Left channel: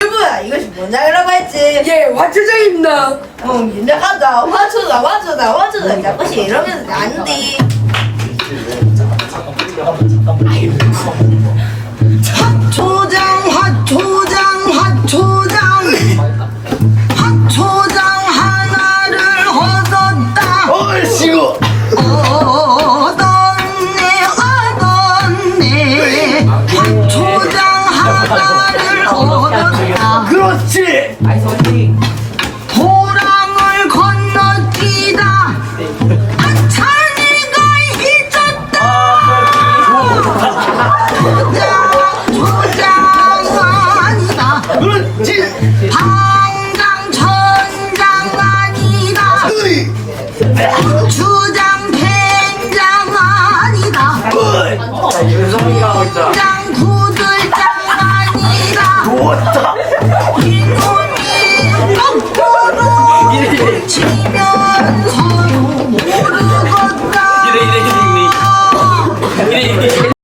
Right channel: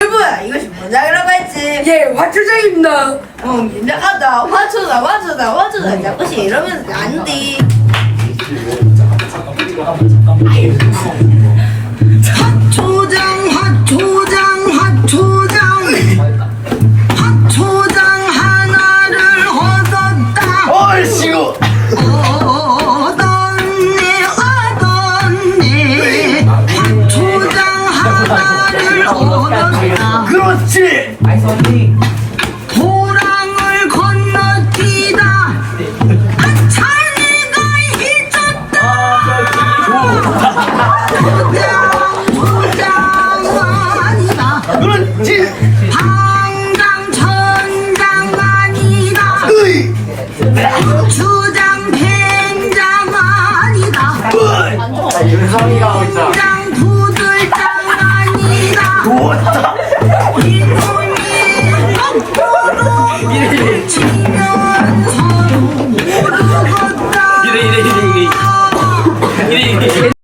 여러분 이것이 원장이라고 했지. 예, 화초장입니다. 어 민작하다. 화초다 화초다 화초다. 자꾸시 이러면서 안돼 화초장 화초장 화초장. 화초장 하나를 얻었다. 얼씨구. 얻었네 얻었네. 화초장 하나를 얻었다 그렇지. 도랑을 건너뛰다 찬이가 잊었다. 도장 아니다. 그렇지 당장 천장 아니다. 으이. 주장 누웠다. 이래 이래. 이래 이래 이래. 이래 이래 이래.